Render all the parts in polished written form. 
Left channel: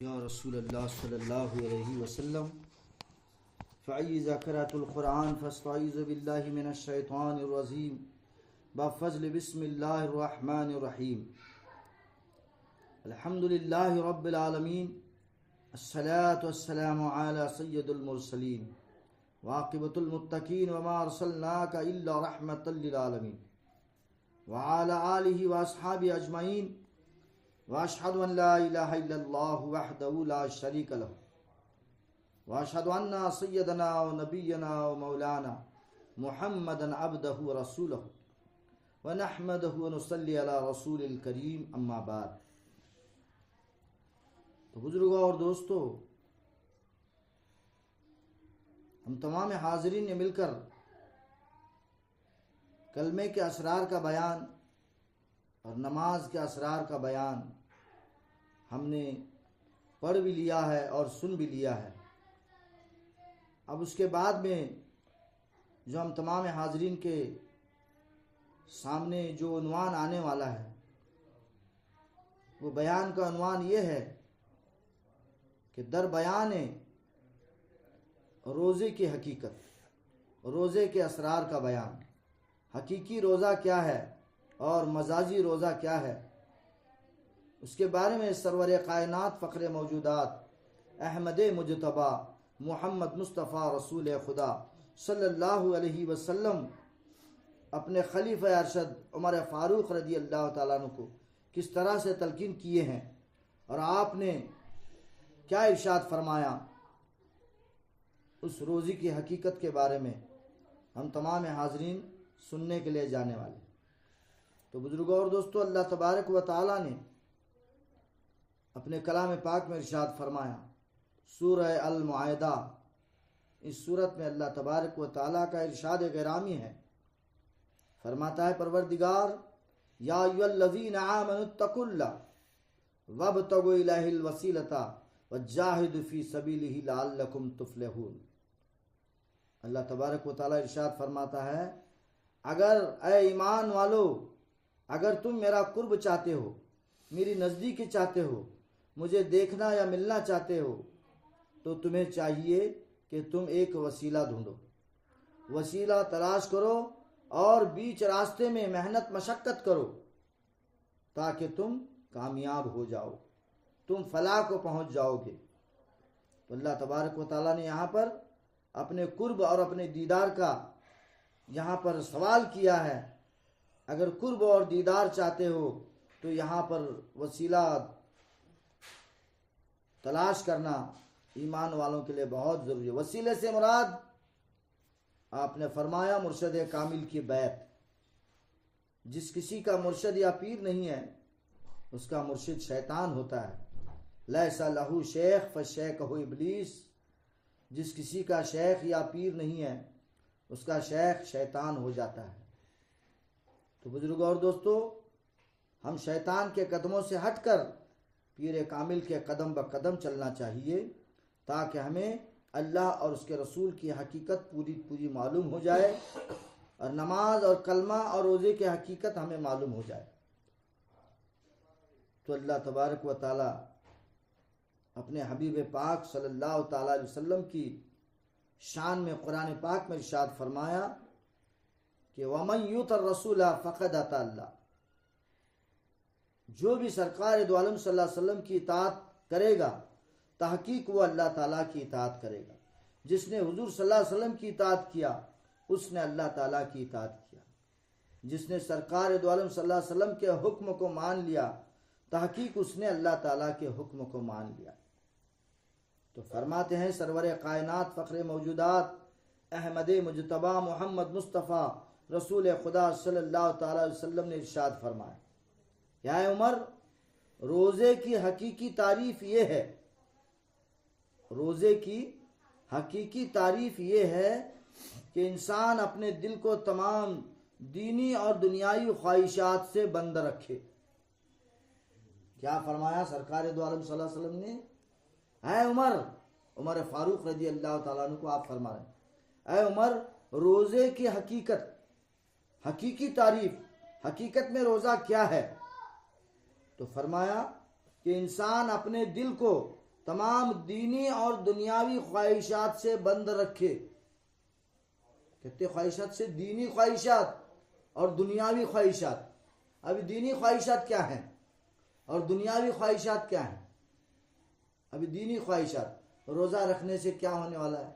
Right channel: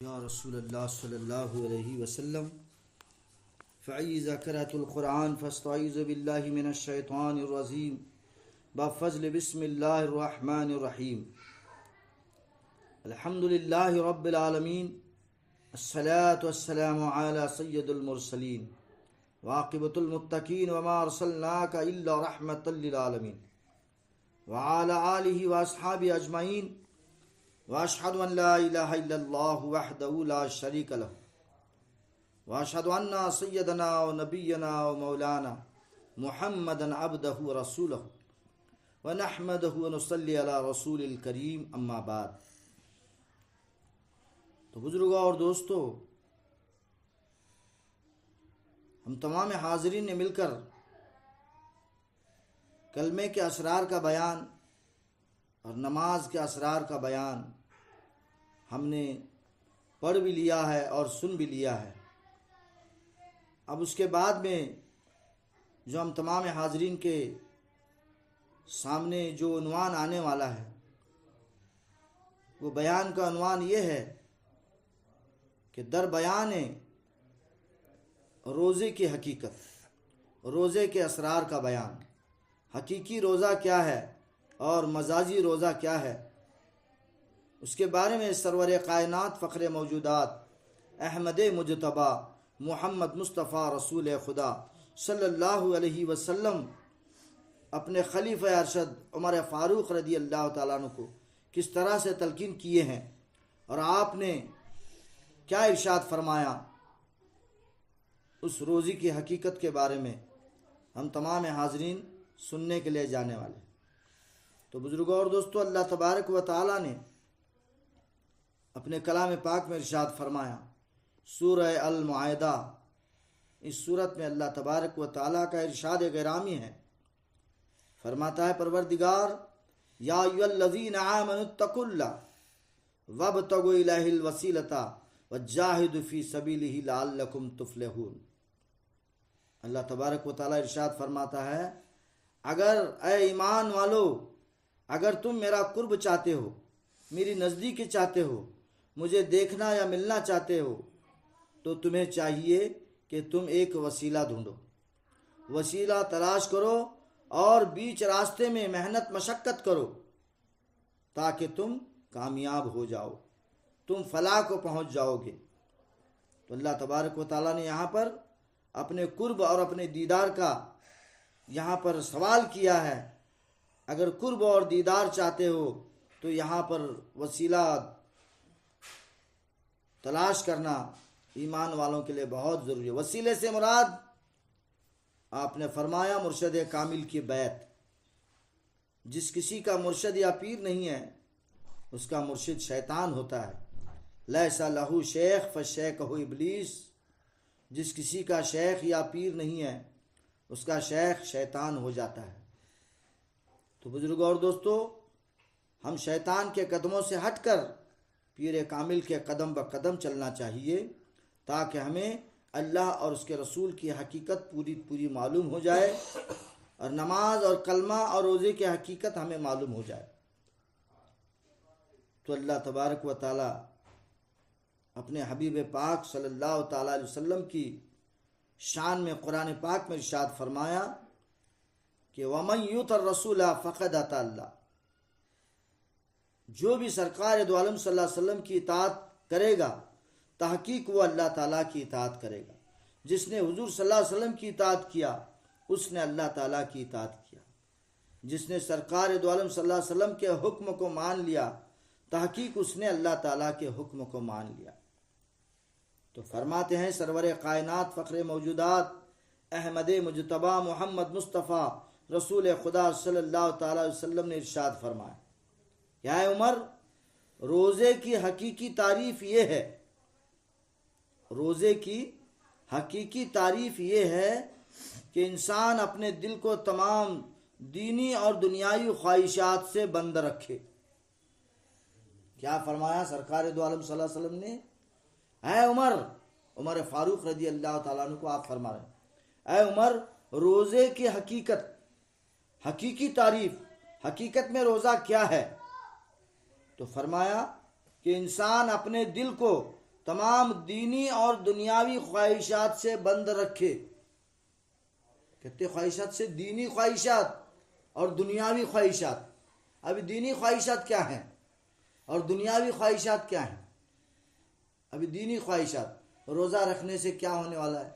یا رسول اللہ صلی اللہ علیہ وسلم فإذا قرأت القرآن فاستعيذ بالله من الشیطان الرجیم بفضل بسم اللہ الرحمن الرحیم الحمد للہ رب العالمین الصلاة والسلام علی سید المرسلین وعاقبۃ المتقین وما ارسلناک الا رحمۃ للعالمین وعلی آلہ واصحابہ اجمعین واشهد ان لا الہ الا اللہ وحدہ لا شریک لہ واشهد ان سیدنا و نبینا و مولانا محمدا عبدہ و رسولہ ونحمدہ ونصلی علی رسول الکریم اما بعد۔ تو بزرگوں اور دوستو، ہم تمام حاضرین نے مل کر کلمے کے اسرار کا بیان اور نماز کے اسرار کا بیان ہم نے پڑھ بھی لیا ہے اور سن بھی لیا ہے۔ اب اس کے بعد میں جو ہم تمام حاضرین کے سامنے جو عنوان آنے والا ہے، وہ بیان کا عنوان یہ ہے کہ در بیان روزے کی حقیقت، روزے کے اسرار کا بیان، حقیقی روزہ کیا ہے اور مجازی روزہ کیا ہے، اس کے بارے میں سرور کائنات فخر موجودات احمد مجتبیٰ محمد مصطفیٰ رسول خدا صلی اللہ علیہ وسلم اپنے خلیفہ ارشد عمر فاروق رضی اللہ تعالیٰ عنہ کو کس طرح سے تلقین کیے ہیں اور آپ نے کیا ارشاد فرمایا، اس روزے کی حقیقت کے بارے میں ہم تمام حاضرین سننے کے لیے جانے والے۔ تو بزرگوں اور دوستو، اللہ تبارک و تعالیٰ نے اپنے کلام پاک میں ارشاد فرمایا، سورہ المائدہ، اس صورت میں اللہ تبارک و تعالیٰ کا ارشاد گرامی ہے، فرماتا ہے پروردگار یا ایھا الذین آمنوا اتقوا اللہ وابتغوا الیہ الوسیلۃ وجاہدوا فی سبیلہ لعلکم تفلحون۔ اللہ تبارک و تعالیٰ ارشاد فرماتا ہے، اگر اے ایمان والو، اگر تم میرا قرب چاہتے ہو، میری نزدیکی چاہتے ہو، مجھے دیکھنا یا ملنا چاہتے ہو، تو تمہیں چاہیے کہ تم ایک وسیلہ ڈھونڈو، وسیلہ تلاش کرو اور بیچ راستے میں محنت مشقت کرو تاکہ تم کامیاب ہو جاؤ، تم فلاح کو پہنچ جاؤ گے۔ تو اللہ تبارک و تعالیٰ نے یہاں پر اپنے قرب اور اپنے دیدار کا یہاں پر سوال کیا ہے۔ اگر قرب اور دیدار چاہتے ہو تو یہاں پر وسیلہ تلاش کرنا ایمان والوں کے لیے بہت ضروری ہے۔ وسیلے سے مراد آپ نے فرمایا مرشد کامل کی بیعت۔ جس کسی کا مرشد یا پیر نہیں ہے، اس کا مرشد شیطان ہوتا ہے۔ لیس لہ شیخ فشیخہ ابلیس، جس کسی کا شیخ یا پیر نہیں ہے، اس کا شیخ شیطان ہو جاتا ہے۔ تو بزرگوں اور دوستو، ہم شیطان کے قدموں سے ہٹ کر پیر کامل کے قدم بقدم چلنا چاہیے تاکہ ہمیں اللہ اور اس کے رسول کی حقیقت پوری معلوم ہو جائے اور نماز اور کلمہ اور روزے کی حقیقت ہمیں معلوم ہو جائے۔ تو اللہ تبارک و تعالی اپنے حبیب پاک صلی اللہ تعالی علیہ وسلم کی شان میں قرآن پاک میں ارشاد فرمایا کہ وَمَن یُطِعِ الرَّسُولَ فَقَدْ اطاع اللہ، جو بھی سرکار دو عالم صلی اللہ علیہ وسلم کی اطاعت کرے گا، تحقیق وہ اللہ تعالیٰ کی اطاعت کرے گا۔ جس نے حضور صلی اللہ علیہ وسلم کی اطاعت کیا، اس نے اللہ تعالیٰ کی اطاعت کیا۔ جس نے سرکار دو عالم صلی اللہ علیہ وسلم کے حکم کو مان لیا، تحقیق اس نے اللہ تعالیٰ کے حکم کو مان لیا۔ تو فرماتے ہیں سرور کائنات فخر موجودات احمد مجتبیٰ محمد مصطفیٰ رسول خدا صلی اللہ تعالی علیہ وسلم نے ارشاد فرمایا، یا عمر، روزے کی حقیقی تعریف یہ ہے، روزے کی حقیقی تعریف یہ ہے کہ انسان اپنے دل کو تمام دینی اور دنیاوی خواہشات سے بند رکھے۔ کیا فرمایا سرکار دو عالم صلی اللہ علیہ وسلم نے؟ اے عمر، عمر فاروق رضی اللہ تعالیٰ عنہ کو آپ فرما رہے ہیں، اے عمر، روزے کی حقیقت، حقیقی تعریف، حقیقت میں روزہ کیا ہے؟ تو فرمایا کہ انسان اپنے دل کو تمام دینی اور دنیاوی خواہشات سے بند رکھے. کہتے خواہشات سے دینی خواہشات اور دنیاوی خواہشات. ابھی دینی خواہشات کیا ہیں اور دنیاوی خواہشات کیا ہیں؟ ابھی دینی خواہشات، روزہ رکھنے سے کیا ہونے والا ہے؟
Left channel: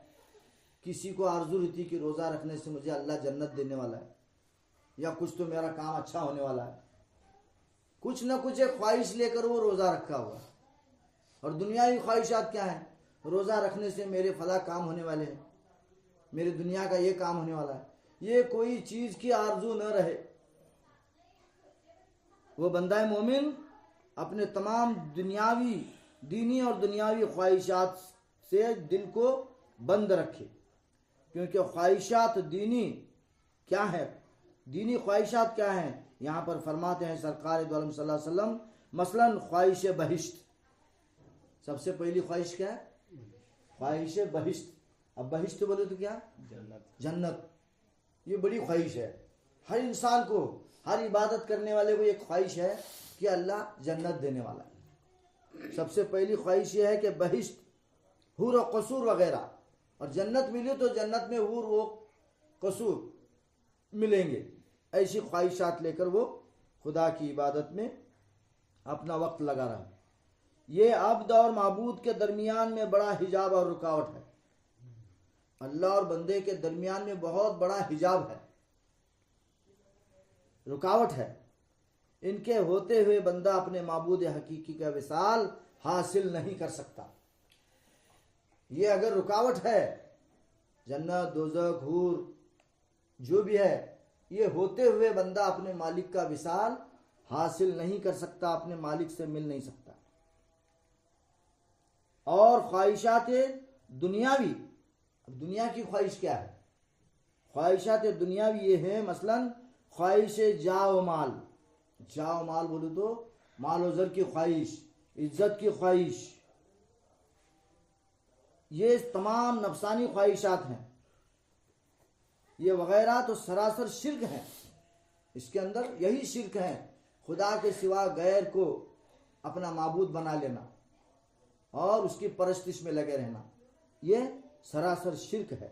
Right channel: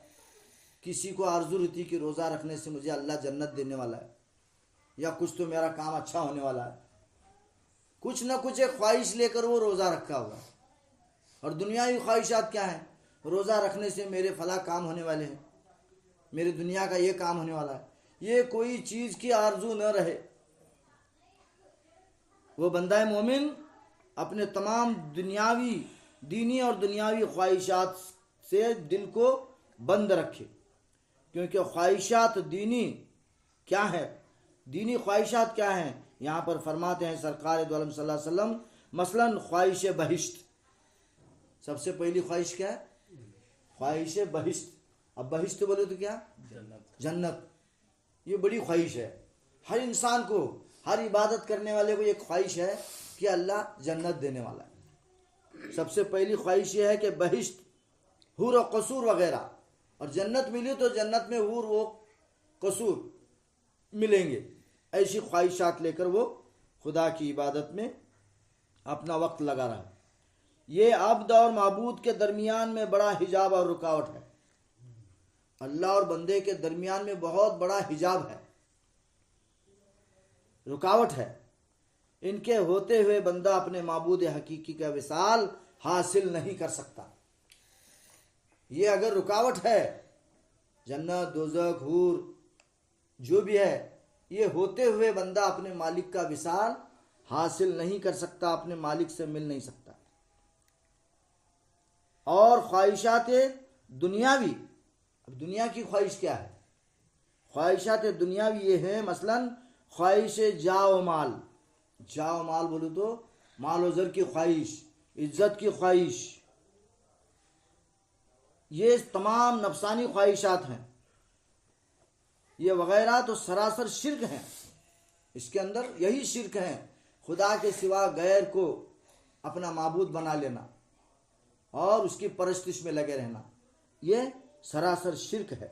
کسی کو آرزو رہتی کہ روزہ رکھنے سے مجھے اللہ جنت دینے والا ہے، یا کچھ تو میرا کام اچھا ہونے والا ہے. کچھ نہ کچھ ایک خواہش لے کر وہ روزہ رکھا ہوا. اور دنیاوی خواہشات کیا ہیں؟ روزہ رکھنے سے میرے فلاں کام ہونے والے ہیں، میرے دنیا کا یہ کام ہونے والا ہے. یہ کوئی چیز کی آرزو نہ رہے. وہ بندہ مومن اپنے تمام دینی اور دنیاوی خواہشات سے دل کو بند رکھے. کیونکہ خواہشات دینی کیا ہے؟ دینی خواہشات کیا ہیں؟ یہاں پر فرماتے ہیں سرکار دو عالم صلی اللہ علیہ وسلم، مثلا خواہش بہشت. سب سے پہلی خواہش کیا ہے؟ خواہش بہشت. اب بہشت بولے تو کیا؟ جنت. یہ بڑی خواہش ہے. ہر انسان کو، ہر عبادت کرنے والے کو ایک خواہش ہے کہ اللہ جنت دینے والا ہے. سب سے پہلی خواہش یہ ہے کہ بہشت، حور و قصور وغیرہ، اور جنت ملی تو جنت میں حور و قصور ملیں گے. ایسی خواہشات لے کر وہ خدا کی عبادت میں اپنا وقت لگا رہا. یہ عبد اور معبود کے درمیان میں بڑا حجاب اور رکاوٹ ہے. اللہ اور بندے کے درمیان میں بہت بڑا حجاب ہے، رکاوٹ ہے. ان کے ہوتے ہوئے بندہ اپنے معبود حقیقی کا وصال حاصل نہیں کر سکتا. یہ اگر رکاوٹ ہے، جنت، دوزخ، حور جو بھی ہے، یہ ہوتے ہوئے بندہ اپنے مالک کا وصال حاصل نہیں کر سکتا، اپنے مالک سے مل نہیں سکتا. اور خواہشات دنیاوی، اب دنیا کی خواہش کیا ہے؟ خواہشات دنیاوی یہ ہے، مثلا خواہش جا و مال. جا و مال بولے تو مال و زر کی خواہش، عزت کی خواہش. یہ تمام نفسانی خواہشات ہیں. یہ وغیرہ تو سراسر شرک ہیں. اس کے اندر یہی شرک ہے، خدا کے سوا غیر کو اپنا معبود بنا لینا اور اس کی پرستش میں لگے رہنا. یہ سراسر شرک ہے.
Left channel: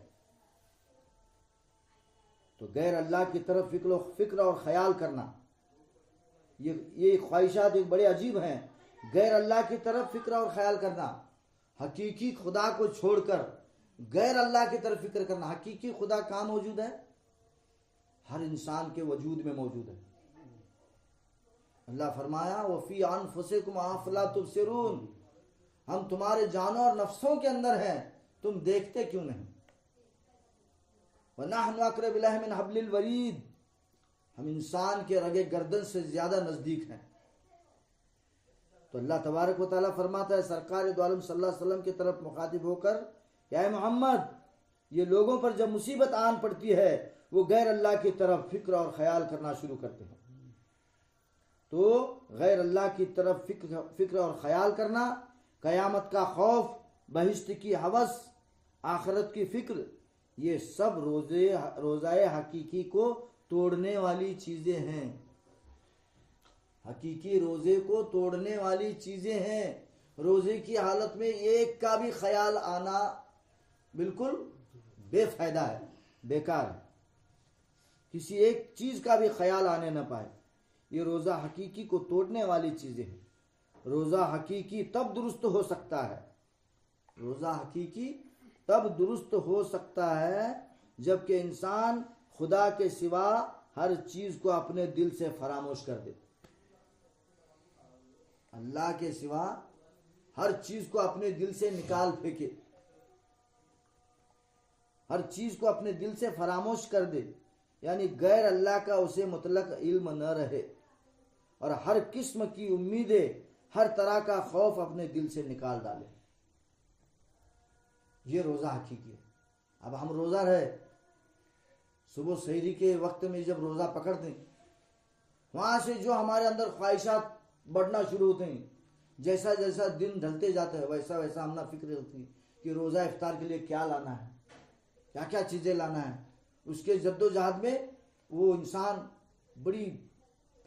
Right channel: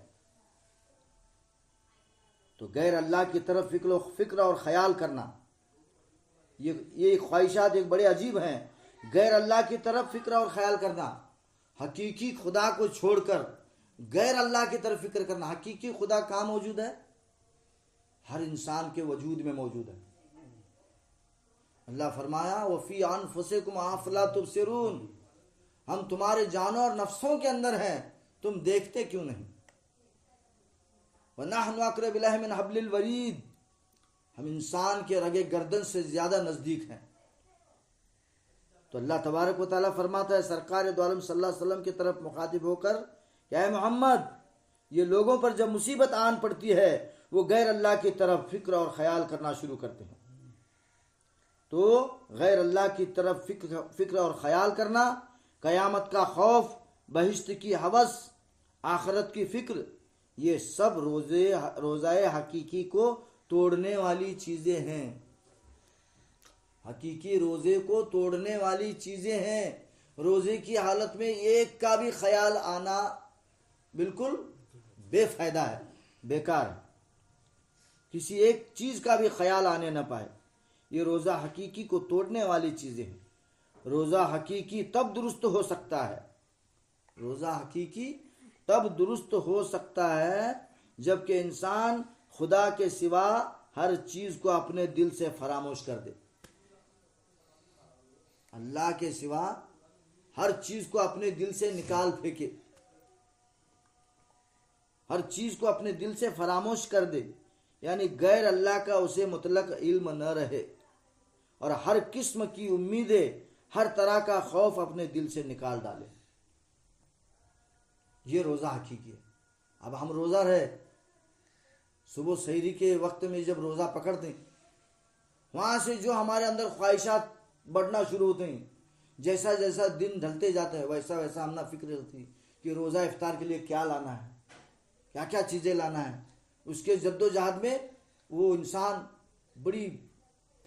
تو غیر اللہ کی طرف فکر اور خیال کرنا، یہ خواہشات ایک بڑے عجیب ہیں. غیر اللہ کی طرف فکر اور خیال کرنا، حقیقی خدا کو چھوڑ کر غیر اللہ کی طرف فکر کرنا. حقیقی خدا کہاں موجود ہے؟ ہر انسان کے وجود میں موجود ہے. اللہ فرمایا وَفِي أَنفُسِكُمْ أَفَلَا تُبْصِرُونَ، ہم تمہارے جانوں اور نفسوں کے اندر ہیں، تم دیکھتے کیوں نہیں؟ وَنَحْنُ أَقْرَبُ إِلَيْهِ مِنْ حَبْلِ الْوَرِيدِ، ہم انسان کے رگے گردن سے زیادہ نزدیک ہیں. تو اللہ تبارک و تعالیٰ فرماتا ہے سرکار دو عالم صلی اللہ علیہ وسلم کی طرف مخاطب ہو کر کہ اے محمد، یہ لوگوں پر جب مصیبت آن پڑتی ہے وہ غیر اللہ کی طرف فکر اور خیال کرنا شروع کرتے ہیں. تو غیر اللہ کی طرف فکر اور خیال کرنا، قیامت کا خوف، بہشت کی ہوس، آخرت کی فکر، یہ سب روزہ حقیقی کو توڑنے والی چیزیں ہیں. حقیقی روزے کو توڑنے والی چیزیں ہیں. روزے کی حالت میں ایک کا بھی خیال آنا بالکل بے فائدہ ہے، بیکار ہے. کسی ایک چیز کا بھی خیال آنے نہ پائے. یہ روزہ حقیقی کو توڑنے والی چیزیں ہیں. روزہ حقیقی تب درست ہو سکتا ہے، روزہ حقیقی تب درست ہو سکتا ہے جب کہ انسان خدا کے سوا ہر چیز کو اپنے دل سے فراموش کر دے. اللہ کے سوا ہر چیز کو اپنے دل سے نکال پھینکے، ہر چیز کو اپنے دل سے فراموش کر دے. یعنی غیر اللہ کا اسے مطلق علم نہ رہے، اور ہر قسم کی امیدیں، ہر طرح کا خوف اپنے دل سے نکال ڈالے. یہ روزہ حقیقی ہے. اب ہم روزہ رہے، صبح سحری کے وقت میں جب روزہ پکڑ دیں، وہاں سے جو ہمارے اندر خواہشات بڑھنا شروع ہوتے ہیں، جیسا جیسا دن ڈھلتے جاتا ہے ویسا ویسا ہم نہ فکر رہتی کہ روزہ افطار کے لیے کیا لانا ہے، کیا کیا چیزیں لانا ہے. اس کے جد و جہد میں وہ انسان بڑی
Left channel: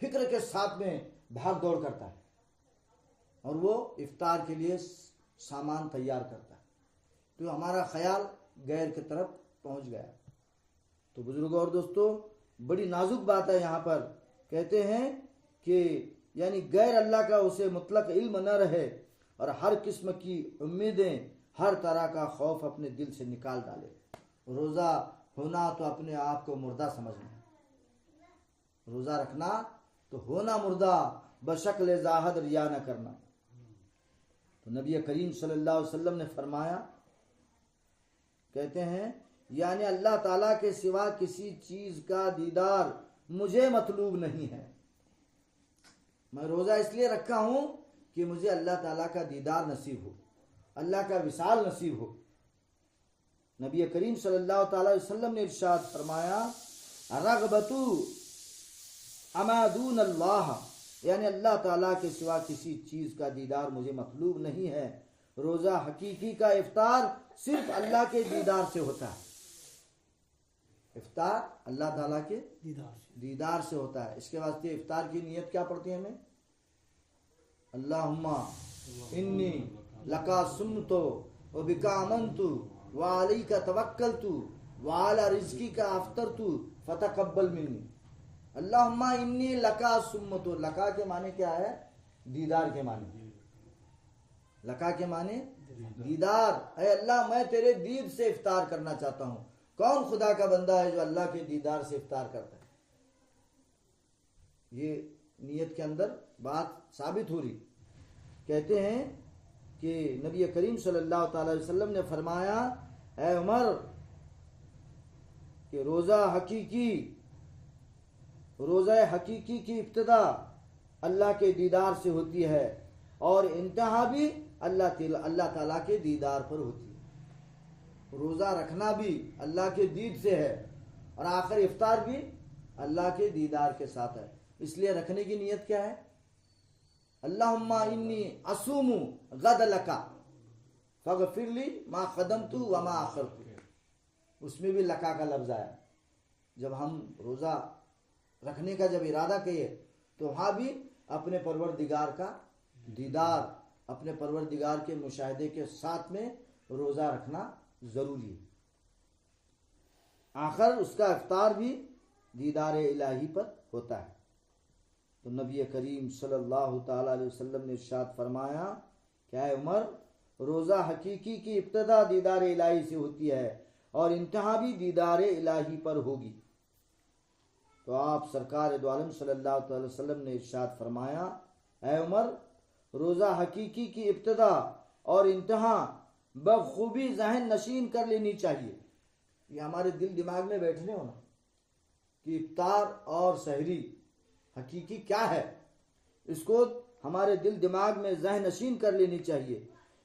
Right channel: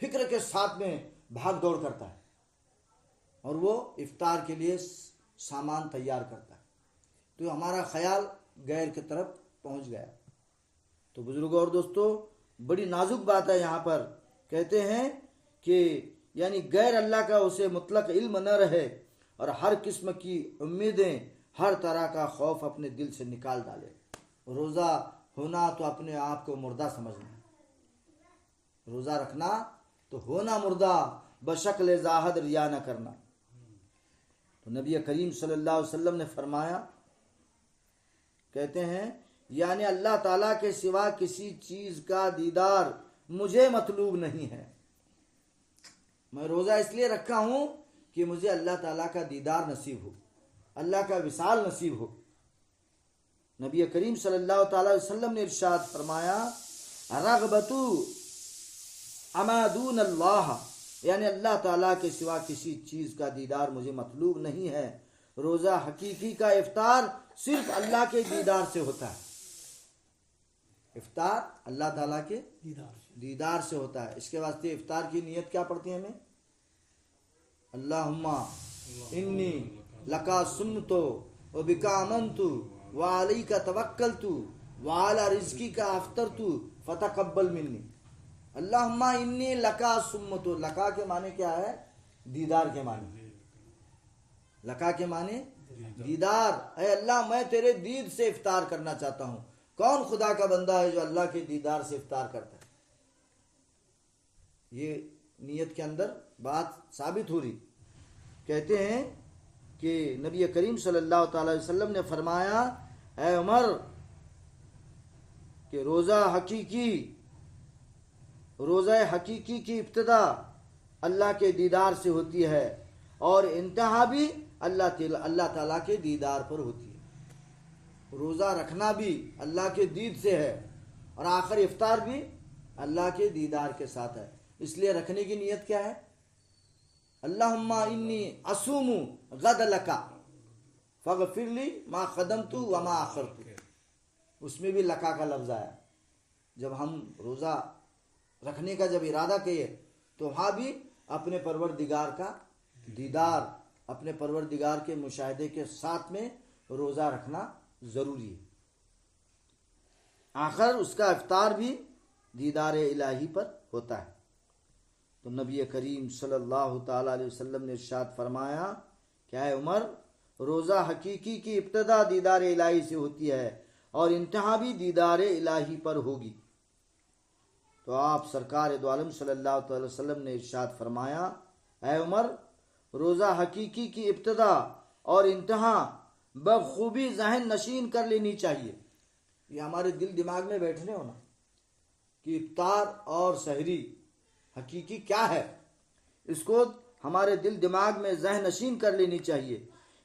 فکر کے ساتھ میں بھاگ دوڑ کرتا ہے، اور وہ افطار کے لیے سامان تیار کرتا ہے، تو ہمارا خیال غیر کی طرف پہنچ گیا۔ تو بزرگوں اور دوستوں، بڑی نازک بات ہے یہاں پر، کہتے ہیں کہ یعنی غیر اللہ کا اسے مطلق علم نہ رہے اور ہر قسم کی امیدیں، ہر طرح کا خوف اپنے دل سے نکال ڈالے۔ روزہ ہونا تو اپنے آپ کو مردہ سمجھنا، روزہ رکھنا تو ہونا مردہ، بشکل ظاہر ریا نہ کرنا۔ تو نبی کریم صلی اللہ علیہ وسلم نے فرمایا، کہتے ہیں یعنی اللہ تعالیٰ کے سوا کسی چیز کا دیدار مجھے مطلوب نہیں ہے۔ میں روزہ اس لیے رکھا ہوں کہ مجھے اللہ تعالیٰ کا دیدار نصیب ہو، اللہ کا وصال نصیب ہو۔ نبی کریم صلی اللہ تعالیٰ علیہ وسلم نے ارشاد فرمایا، رغبتو اما دون اللہ، یعنی اللہ تعالیٰ کے سوا کسی چیز کا دیدار مجھے مطلوب نہیں ہے۔ روزہ حقیقی کا افطار صرف اللہ کے دیدار سے ہوتا ہے، افطار اللہ تعالیٰ کے دیدار سے ہوتا ہے۔ اس کے واسطے افطار کی نیت کیا پڑتی ہے ہمیں؟ اللہم انی لکا سمتو و بکا امنتو و علیک توکلتو و علی رزقی کا افطرتو فتقبل منی۔ اللہم انی لکا سمتو، لکا کے معنی کیا ہے؟ دیدار کے معنی، لکا کے معنی دیدار۔ اے اللہ میں تیرے دید سے افطار کرنا چاہتا ہوں۔ کون خدا کا بندہ ہے جو اللہ کے دیدار سے افطار کرتا ہے؟ یہ نیت کے اندر بات ثابت ہو رہی۔ کہتے ہیں کہ نبی کریم صلی اللہ تعالی علیہ وسلم نے فرمایا، اے عمر، کہ روزہ حقیقی کی ابتدا اللہ کے دیدار سے ہوتی ہے اور انتہا بھی اللہ تعالیٰ کے دیدار پر ہوتی ہے۔ روزہ رکھنا بھی اللہ کے دید سے ہے اور آخر افطار بھی اللہ کے دیدار کے ساتھ ہے۔ اس لیے رکھنے کی نیت کیا ہے؟ اللہم انی اصوم غد لکا فاغفر لی ما قدمت وما اخرت۔ اس میں بھی لکا کا لفظ آیا۔ جب ہم روزہ رکھنے کا جب ارادہ کیے تو وہاں بھی اپنے پروردگار کا دیدار، اپنے پروردگار کے مشاہدے کے ساتھ میں روزہ رکھنا ضروری ہے۔ آخر اس کا افطار بھی دیدار الہی پر ہوتا ہے۔ تو نبی کریم صلی اللہ تعالی علیہ وسلم نے ارشاد فرمایا کہ اے عمر، روزہ حقیقی کی ابتدا دیدار الہی سے ہوتی ہے اور انتہا بھی دیدار الہی پر ہوگی۔ تو آپ سرکار دو عالم صلی اللہ تعالی وسلم نے ارشاد فرمایا، اے عمر، روزہ حقیقی کی ابتدا اور انتہا بخوبی ذہن نشین کر لینی چاہیے۔ یہ ہمارے دل دماغ میں بیٹھنے ہونا کہ افطار اور سحری حقیقی کیا ہے، اس کو ہمارے دل دماغ میں ذہن نشین کر لینی چاہیے۔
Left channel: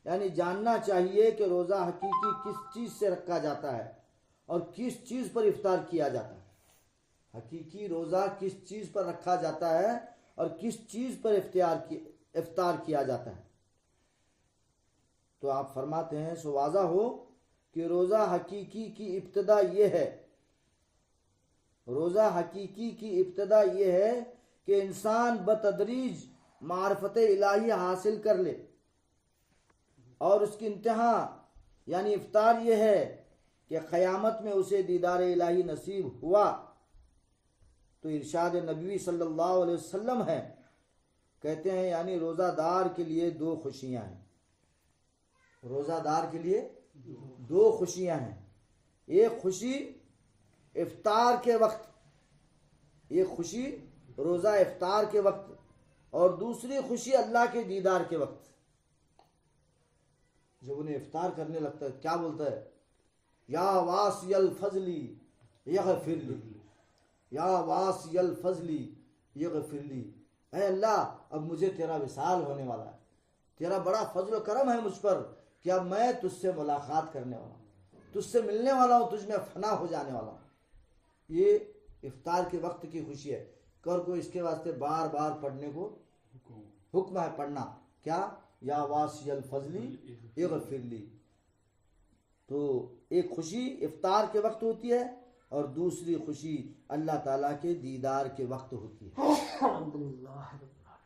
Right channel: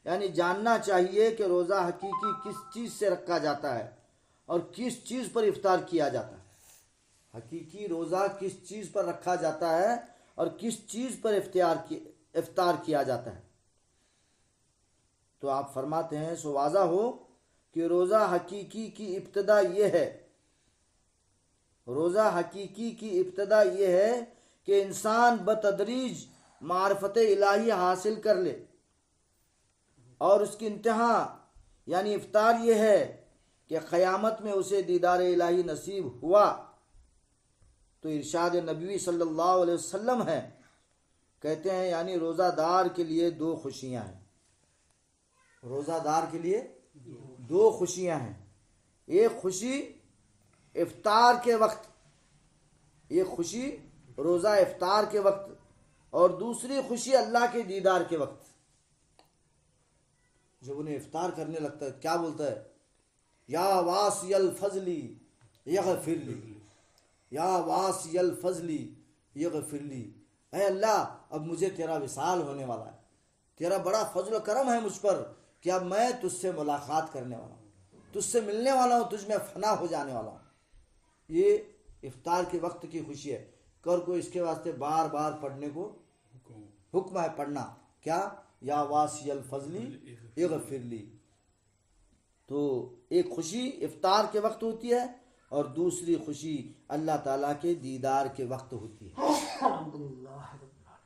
یعنی جاننا چاہیے کہ روزہ حقیقی کس چیز سے رکھا جاتا ہے اور کس چیز پر افطار کیا جاتا ہے۔ حقیقی روزہ کس چیز پر رکھا جاتا ہے اور کس چیز پر افطار کیا جاتا ہے۔ تو آپ فرماتے ہیں سو واضح ہو کہ روزہ حقیقی کی ابتدا یہ ہے، روزہ حقیقی کی ابتدا یہ ہے کہ انسان بتدریج معرفت الہی حاصل کر لے، اور اس کی انتہا یعنی افطار یہ ہے کہ قیامت میں اسے دیدار الہی نصیب ہوا۔ تو ارشاد نبوی صلی اللہ علیہ وسلم ہے، کہتے ہیں یعنی روزہ دار کے لیے دو خوشیاں ہیں، روزہ دار کے لیے دو خوشیاں ہیں۔ ایک خوشی افطار کے وقت، ایک خوشی روزہ افطار کے وقت، اور دوسری خوشی اللہ کے دیدار کے وقت۔ جب انہیں افطار کرنے لگتا ہے کیا بولتا ہے؟ یا واسی الفضلی یغفر لی، یا واسی الفضلی یغفر لی۔ اے اللہ، اب مجھے تیرا وصال ہونے والا ہے، تیرا بڑا فضل و کرم ہے مجھ پر کہ اب میں تجھ سے ملاقات کرنے والا ہوں، تجھ سے ملنے والا ہوں، تجھ میں فنا ہو جانے والا ہوں۔ یہ افطار کے وقت کی خوشی ہے۔ کر کو اس کے واسطے بار بار پڑھنے کو حکم ہے، پڑھنا کیا؟ یا واسی الفضلی اغفر لی۔ تو ایک خوشی افطار کے وقت ہوتی ہے اور دوسری خوشی اللہ تعالیٰ کے دیدار کے وقت ہوتی ہے۔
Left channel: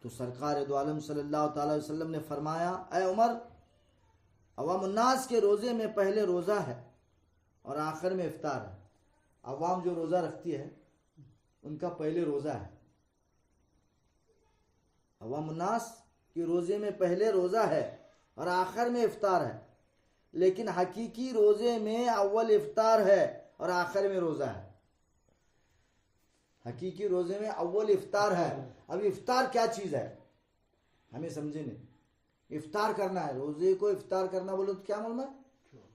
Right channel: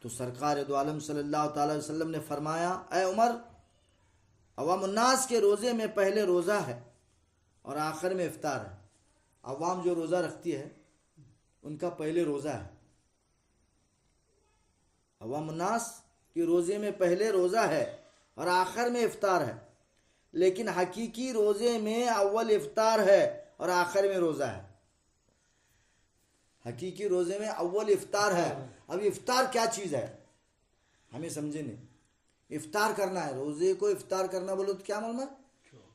تو سرکار دو عالم صلی اللہ تعالی وسلم نے فرمایا، اے عمر، عوام الناس کے روزے میں پہلے روزہ ہے اور آخر میں افطار ہے. عوام جو روزہ رکھتی ہے ان کا پہلے روزہ ہے. عوام الناس کے روزے میں پہلے روزہ ہے اور آخر میں افطار ہے. لیکن حقیقی روزے میں اول افطار ہے اور آخر میں روزہ ہے. حقیقی روزے میں اول افطار ہے. اب افطار کیا چیز ہے ہمیں سمجھے نہیں. افطار کرنا ہے، روزے کو افطار کرنا بولو تو کیا معلوم ہے؟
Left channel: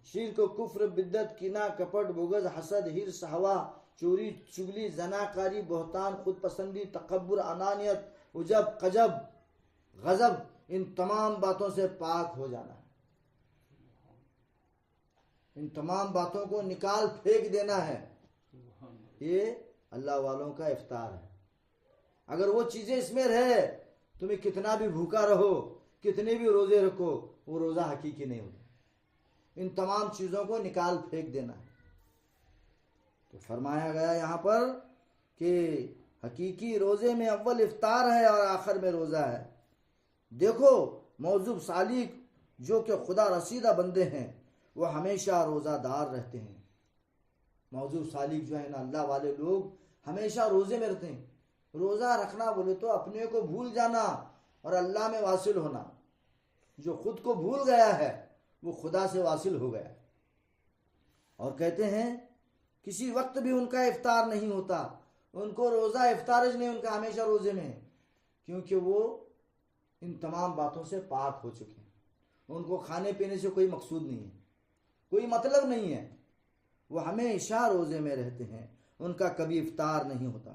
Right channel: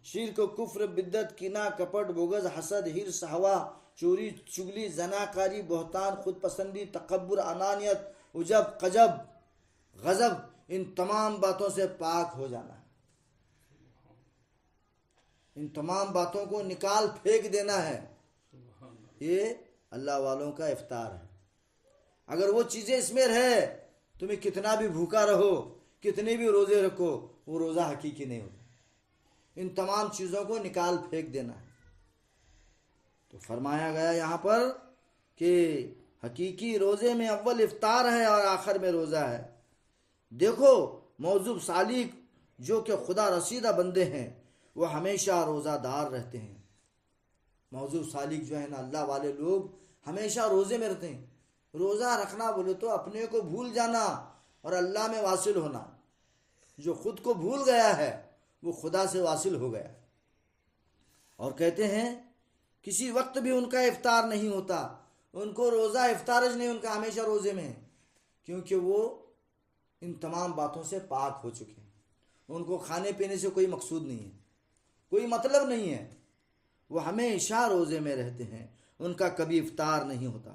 شرک، کفر، بدعت، کینہ، کپٹ، بغض، حسد، ہرس، ہوا، چوری، چگلی، زناکاری، بہتان، خود پسندی، تکبر، انانیت، عجب، قجب، غضب، ان تمام باتوں سے پاک ہو جانا ہے. ان تمام باتوں کو نکال پھینک دینا ہے. یہ اللہ والوں کا افطار ہے. اگر وہ چیزیں اس میں رہے تمہیں کتنا بھی بھوکا رہو، کتنے بھی روزے رکھو، وہ روزہ حقیقی نہیں ہوتا. ان تمام چیزوں کو نکال پھینک دینا ہے. تو فرمایا گیا یہاں پر کہ حقیقی روزے میں اول افطار ہے اور آخر میں روزہ ہے. دیکھو موضوع سالک جو کہ خدا رسیدہ بندے ہیں وہ ہمیشہ روزہ دار رہتے ہیں. موضوع سالک جو ہے نا، اللہ والے لوگ ہمیشہ روزے میں رہتے ہیں. روزہ رکھنا بولے تو اپنے کو بھول جانا اور اللہ میں واصل ہونا. جو خود کو بھول گیا ہے وہ خدا سے واصل ہو گیا. اور کہتے ہیں کسی وقت بھی ان کا افطار نہیں ہوتا. ان کو روزہ افطارج نہیں، ان کا ہمیشہ روزے میں ہے، کیونکہ وہ ان تمام باتوں سے پاک ہو چکے ہیں. ان کو کھانے پینے سے کوئی مقصود نہیں ہے، کوئی مطلب نہیں ہے. وہ ہمیشہ روزے میں رہتے ہیں. ان کا کبھی افطار نہیں ہوتا،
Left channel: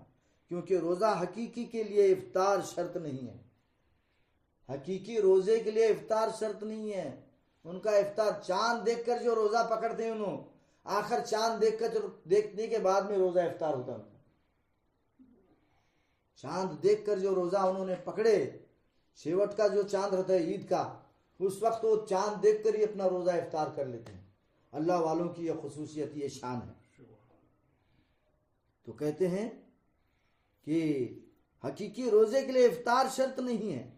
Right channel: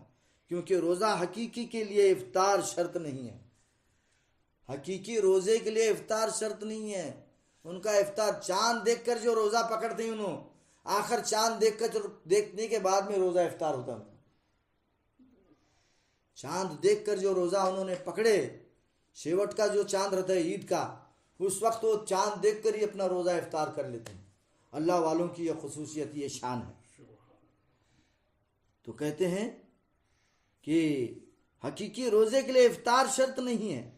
کیونکہ روزہ حقیقی کے لیے افطار شرط نہیں ہے. حقیقی روزے کے لیے افطار شرط نہیں ہے. ان کا افطار چاند دیکھ کر جو روزہ پکڑتے ہیں انہوں، آخر چاند دیکھنے کے بعد میں روزہ افطار ہوتا ہے. چاند دیکھ کر جو روزہ انہوں نے پکڑے، شیوٹ کا جو چاند رہتا ہے عید کا، اس وقت وہ چاند دیکھ کر ہی اپنا روزہ افطار کر لیتے ہیں. اللہ والوں کی یہ خصوصیت، یہ شان ہے. تو کہتے ہیں کہ حقیقی روزے کے لیے افطار شرط نہیں ہے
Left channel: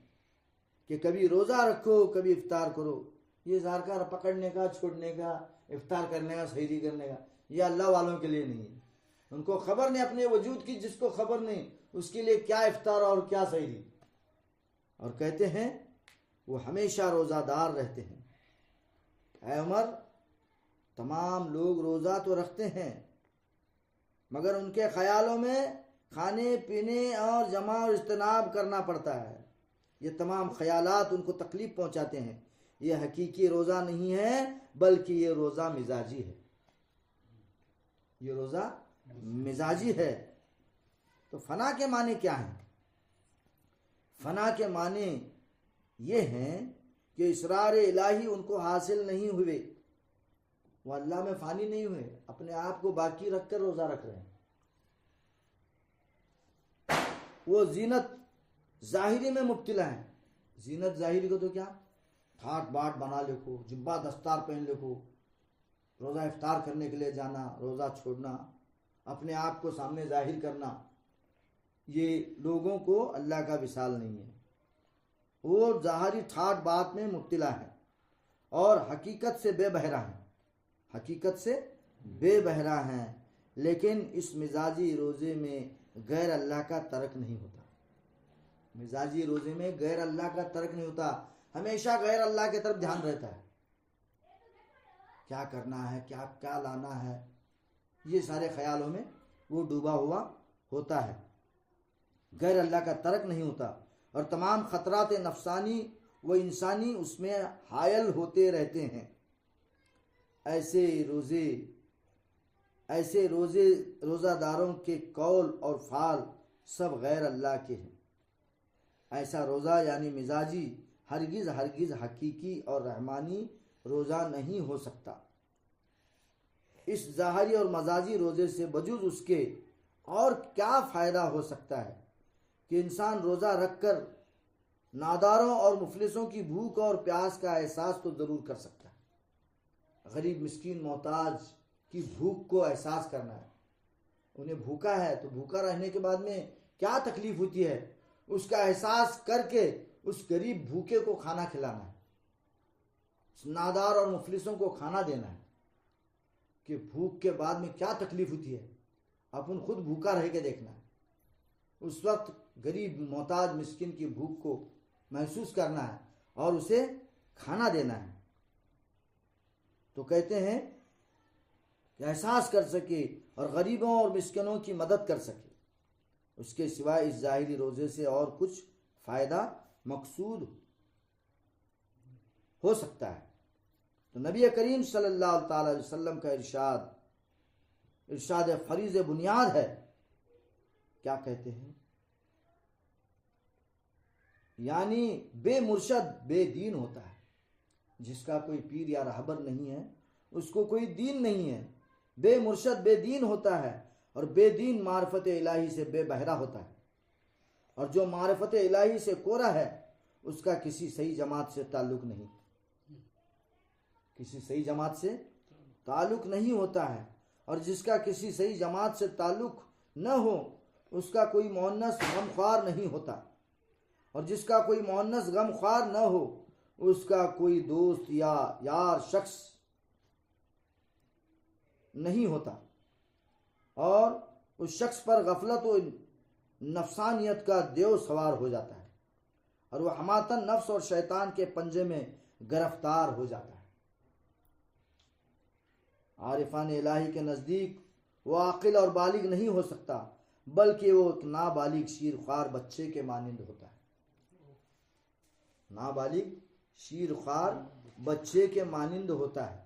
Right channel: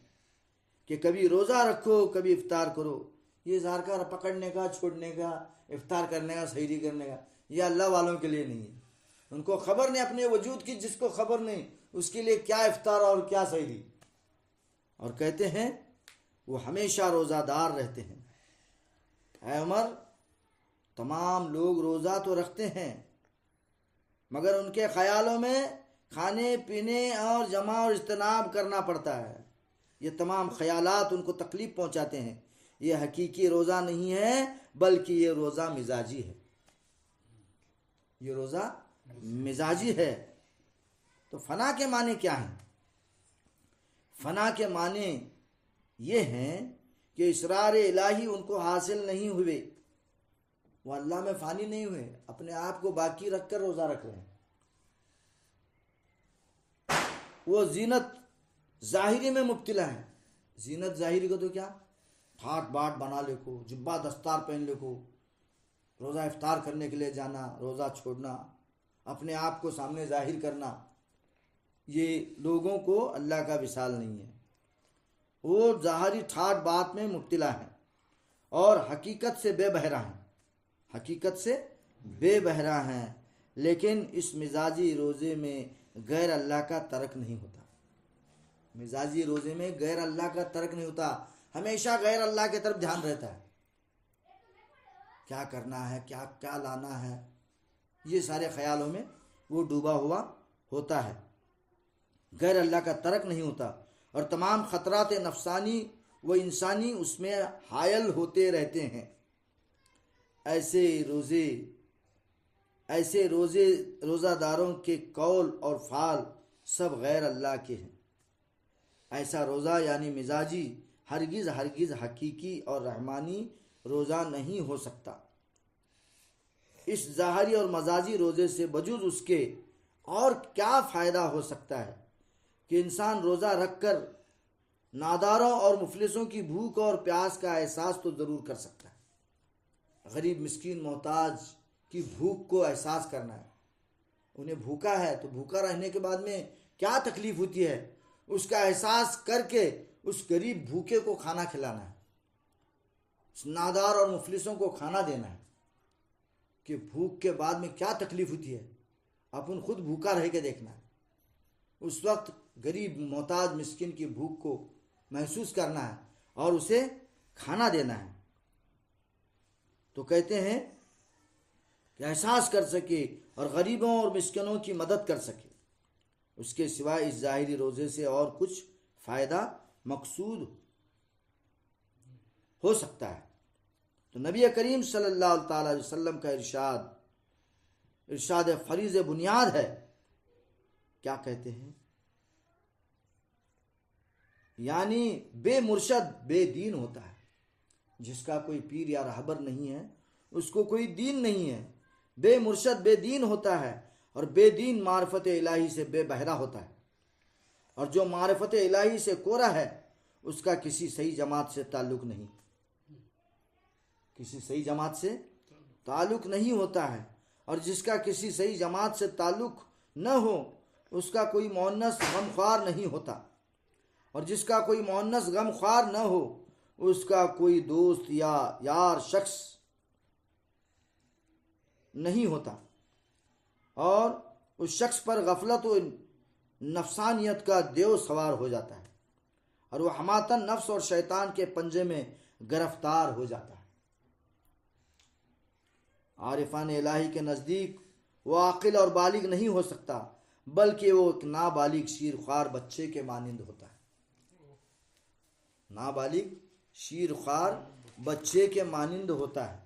کہ کبھی روزہ رکھو کبھی افطار کرو. یہ اظہار کا پکڑنے کا، چھوڑنے کا، افطار کرنے کا، سحری کرنے کا، یہ اللہ والوں کے لیے نہیں ہے. ان کو خبر نہیں اپنے وجود کی. جس کو خبر نہیں اس کے لیے کیا افطار اور کیا سحری. اور کہتے ہیں وہ ہمیشہ روزہ دار رہتے ہیں. اے عمر، تمام لوگ روزہ تو رکھتے ہیں مگر ان کے خیالوں میں کھانے پینے اور جمع اور اجتناب کرنا پڑتا ہے. یہ تمام خیالات ان کو تکلیف پہنچاتے ہیں. یہ حقیقی روزہ نہیں ہے بلکہ یہ روزہ مزاجی ہے. یہ روزہ مزاجی ہے. تو فنا کے معنی کیا ہیں؟ فنا کے معنی یہ ہیں کہ اسرار الہی ان کو حاصل نہیں ہوئے. وہ اللہ میں فانی نہیں ہوئے، اپنے آپ کو باقی رکھ کر روزہ رکھ رہے ہیں. وہ زینت ظاہری میں مبتلا ہیں. زینت ظاہری کو تو کیا ٹھاٹ باٹ بنا لے کو، جبہ دستار پہن لے کو، روزہ افطار کرنے کے لیے جانا، روزہ چھوڑنا، اپنے آپ کو سامنے ظاہر کرنا، یہ لوگوں کو اللہ کا وصال نہیں ہے. وہ ظاہری ٹھاٹ بات میں مبتلا ہیں اور حقیقت سے بے بہرا ہیں. حقیقت سے بے بہرا ہیں. لیکن اس مزاجی روزے میں غیر اللہ کا ترک نہیں ہوتا. مزاجی روزے میں غیر اللہ کا ترک نہیں ہوتا. ہمیشہ غیر اللہ کی طرف دھیان رہتا ہے. کیا کرنا ہے، کیا لانا ہے، یہ سارے خیالوں میں وہ ڈوبا ہوا ہوتا ہے. غیر اللہ کا ترک نہیں ہوتا اور تمام خطرات نفسانی و انسانی اس میں حائل ہوتے رہتے ہیں. ایسے روزہ داروں کے قول اور فعل سب غیر اللہ کے ہیں. ایسا روزہ یعنی مزاجی ہرگز حقیقی اور رحمانی روزہ نہیں ہو سکتا. اس ظاہری اور مزاجی روزے سے بجز اس کے اور کیا فائدہ ہو سکتا ہے کہ انسان روزہ رکھ کر ناداروں اور مفلسوں کی بھوک اور پیاس کا احساس تو ضرور کر سکتا ہے. غریب مسکین محتاج کی بھوک کو احساس کرنا ہے. انہیں بھوکا ہے تو بھوکا رہنے کے بعد میں کیا تکلیف ہوتی ہے اس کا احساس کر کے اس غریب بھوکے کو کھانا کھلانا ہے. اس نادار اور مفلسوں کو کھانا دینا ہے کہ بھوک کے بعد میں کیا تکلیف ہوتی ہے، اپن خود بھوکا رہ کے دیکھنا ہے، اس وقت غریب محتاج مسکین کی بھوک کو محسوس کرنا ہے اور اسے کھانا دینا ہے۔ تو کہتے ہیں کہ احساس کر سکے اور غریبوں اور مسکینوں کی مدد کر سکے، اس کے سوائے اس ظاہری روزے سے اور کچھ فائدہ مقصود ہو سکتا ہے۔ تو نبی کریم صلی اللہ تعالی علیہ وسلم کا ارشاد فریض بنیاد ہے۔ کیا کہتے ہیں؟ یعنی بے مرشد بے دین ہوتا ہے، جس کا کوئی پیر یا رہبر نہیں ہے اس کو کوئی دین نہیں ہے۔ بے مرشد بے دین ہوتا ہے، اور بے دین معرفت الہی سے بے بہرہ ہوتا ہے، اور جو معرفت الہی سے کورا ہے اس کا کسی صحیح جماعت سے تعلق نہیں، کسی صحیح جماعت سے تعلق نہیں ہوتا ہے۔ اور جس کا کسی صحیح جماعت سے تعلق نہ ہو اس کا کوئی مؤنث غمخوار نہیں ہوتا، اور جس کا کوئی مؤنث غمخوار نہ ہو اس کا کوئی دوست یا یار شخص نہیں ہوتا، اور اس شخص پر غفلت و نفسانیت کا دیو سوار ہو جاتا ہے، اور وہ حماتن نفس اور شیطان کے پنجے میں گرفتار ہو جاتا ہے۔ عارفان الہی کے نزدیک وہ عاقل اور بالغ نہیں ہو سکتا، بلکہ وہ ایک نابالغ شیرخوار بچے کے مانند ہوتا ہے۔ نابالغ شیرخوار بچے کے مانند ہوتا ہے،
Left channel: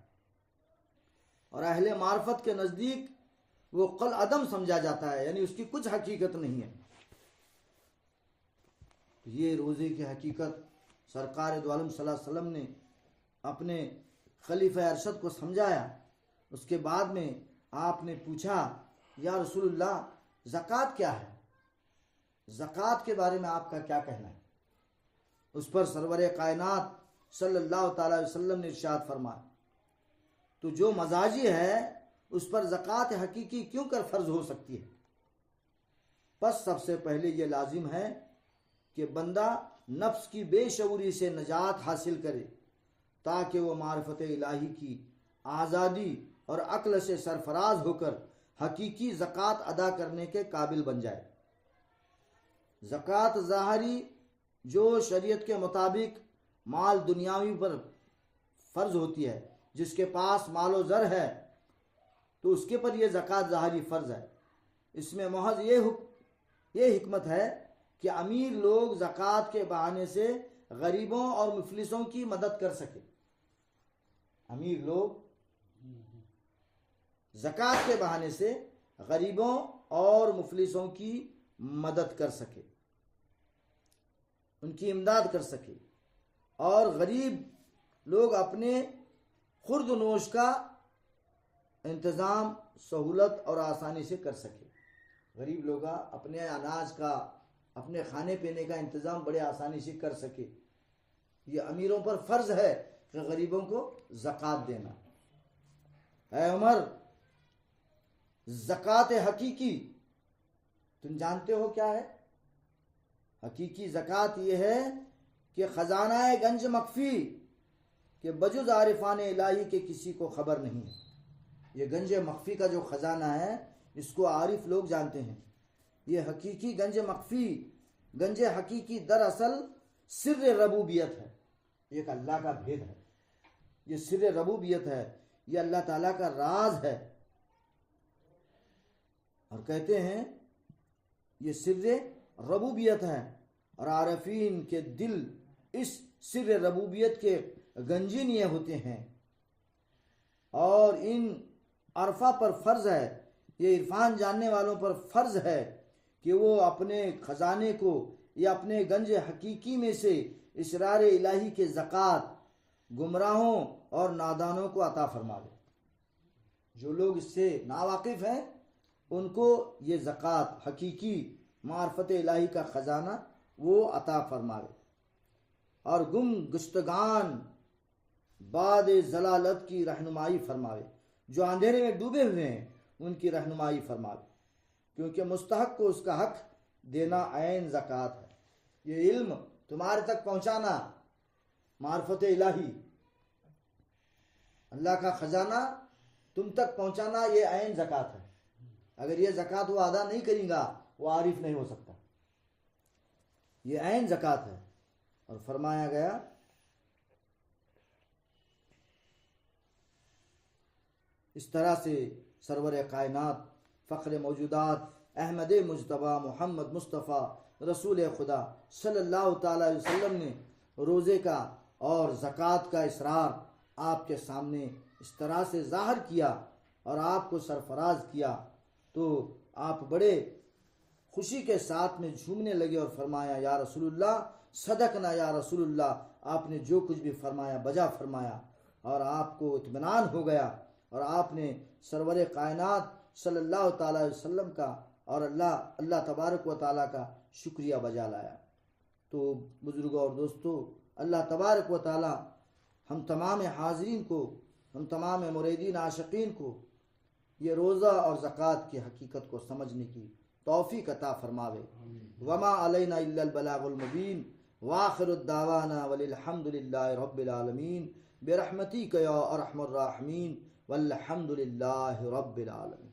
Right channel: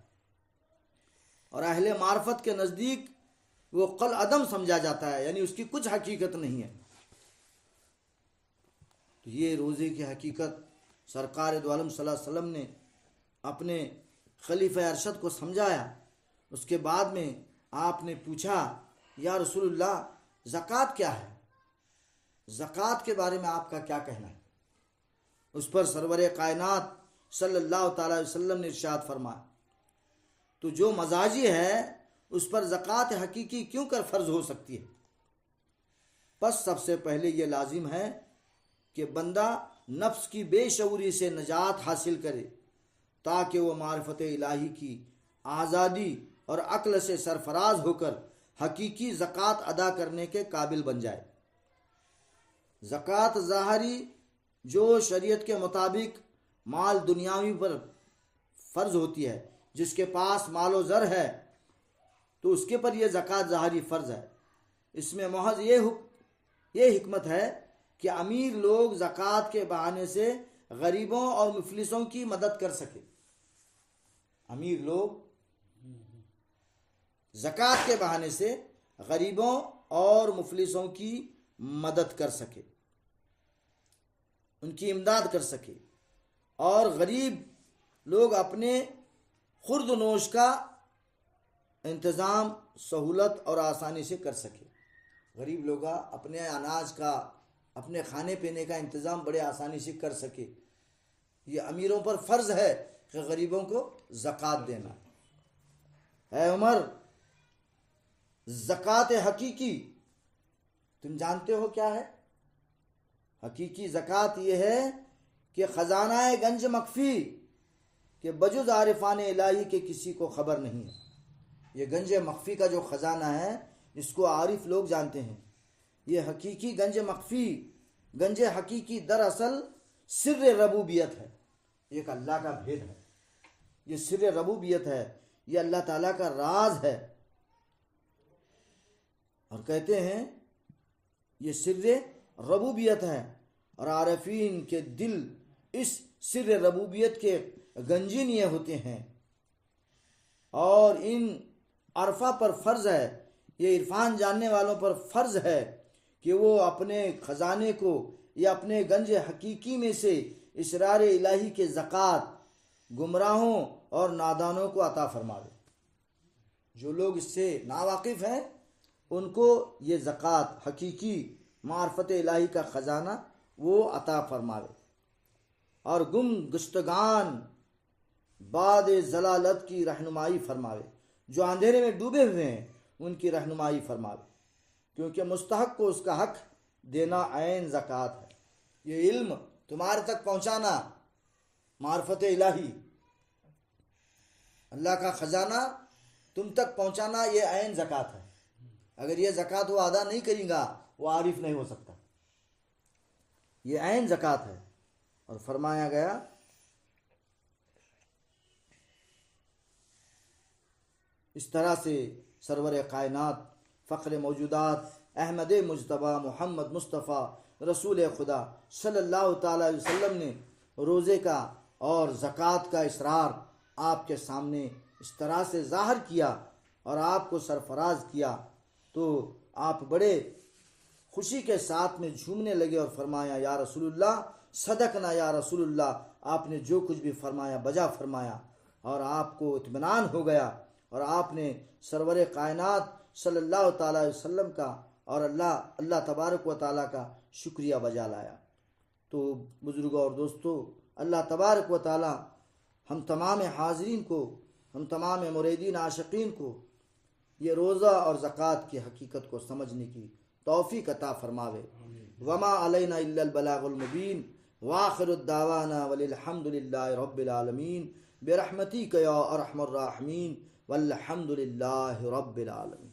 اور اہل معرفت کے نزدیک وہ قل عدم سمجھا جاتا ہے، یعنی اس کی کچھ حقیقت نہیں ہے۔ تو یہ روزے کی حقیقت سرکار دو عالم صلی اللہ علیہ وسلم نے اپنے خلیفہ ارشد کو سمجھایا۔ اس کے بعد میں آپ نے پوچھا، یا رسول اللہ زکوٰۃ کیا ہے؟ زکوٰۃ کے بارے میں آپ کا کیا کہنا ہے؟ اس پر سرور کائنات صلی اللہ تعالی علیہ وسلم نے ارشاد فرمایا، تو جو مزاجی ہے اس پر زکوٰۃ حقیقی کیوں کر فرض ہو سکتی ہے؟ پس سب سے پہلے یہ لازم ہے کہ بندہ نفس کی بے شعوری سے نجات حاصل کرے، تاکہ وہ معرفت الہی کی آزادی اور عقل سے سرفراز ہو کر حقیقی زکوٰۃ ادا کرنے کے قابل بن جائے۔ زکوٰۃ ظاہری جو شریعت کے مطابق مال دنیاوی پر فرض ہوتی ہے، جس کے پاس مال و زر ہے تو اس کے پر یہ زکوٰۃ ظاہری فرض ہے۔ اس میں محض یہ حکمت ہے کہ امیر لوگ زکوٰۃ کے بہانے سے غریبوں اور مفلسوں کی مدد کر سکے۔ امیر لوگ زکوٰۃ کے بہانے سے غریبوں اور مفلسوں کی مدد کر سکے، ان کی امداد کر سکے، اور غریب لوگ اپنے خورد و نوش کا انتظام سہولت اور آسانی سے کر سکے۔ غریب لوگ اپنے اناج کا، اپنے کھانے پینے کا انتظام بڑے آسانی سے کر سکے۔ یہ امیروں پر فرض ہے کہ غریبوں کو زکوٰۃ دینا۔ اے عمر، زکوٰۃ حقیقی تم جانتے ہو کیا ہے؟ حقیقی زکوٰۃ یہ ہے کہ خزانہ گنج مخفی کہ بجز عارفان الہی کے کسی کو خبر نہیں ہے۔ یہ گنج مخفی کا جو خزانہ ہے اس کو عارف لوگ جانتے ہیں۔ یہ حقیقی گنج مخفی، گنج حقیقی دراصل سر ربوبیت ہے، ایک اللہ کا بھید ہے۔ یہ سر ربوبیت ہے، یہ اللہ تعالیٰ کا راز ہے۔ اور کہتے ہیں یہ سر ربوبیت ہے، اور عارفین کے دل اس سر ربوبیت کے گنجین یہ ہوتے ہیں، اور ان عرفہ پر فرض ہے، یہ عرفان جاننے والوں پر فرض ہے کہ وہ اپنے خزانے کو یا اپنے گنج حقیقی میں سے اسرار الہی کے زکوٰۃ گمراہوں اور نادانوں کو عطا فرماوے۔ جو لوگ اس سے ناواقف ہیں ان کو یہ زکوٰۃ حقیقی معرفت الہی کا خزانہ وہ عطا فرماوے، اور گم گشتگان بعد ضلالت کی رہنمائی فرماوے، جو اندھیرے میں ڈوبے ہوئے ہیں ان کی رہنمائی فرماوے، کیونکہ مستحق کو اس کا حق دینا عین زکوٰۃ ہے۔ یہ علم تمہارے تک پہنچانا معرفت الہی، اللہ کا خزانہ تم تک پہنچانا یہ عین زکوٰۃ ہے. اگر یہ زکوٰۃ وہ ادا نہیں کرے گا وہ عارف نہیں ہو سکتا. یہ عین زکوٰۃ ہے. اور فرمایا گیا اس طرح سے سرور کائنات فخر موجودات احمد مجتبیٰ محمد مصطفیٰ رسول خدا صلی اللہ تعالیٰ علیہ وسلم نے روزے کا اور زکوٰۃ کا اسرار آپ کے سامنے اس طرح سے ظاہر کیا اور آپ کو سرفراز کیا تو آپ بڑے خوشی کے ساتھ میں جھومنے لگے اور فرمایا یا رسول اللہ صدقنا یا رسول اللہ، آپ نے جو کچھ بھی فرمایا بجا فرمایا. اور آپ کو اطمینان ہو گیا اور آپ نے سرور کائنات صلی اللہ تعالیٰ علیہ وسلم کا اور اللہ تبارک و تعالیٰ کا شکریہ بجا لایا. تو بزرگوں اور دوستو، اللہ تبارک و تعالیٰ ہم تمام حاضرین کو، ہم تمام مریدین عاشقین کو یہ روزہ اور زکوٰۃ کی حقیقت کو سمجھنے کی توفیق عطا فرماوے. وما علینا الا البلاغ المبین وآخر الدعوانا والحمد للہ رب العالمین برحمتک یا ارحم الراحمین والحمد للہ رب العالمین.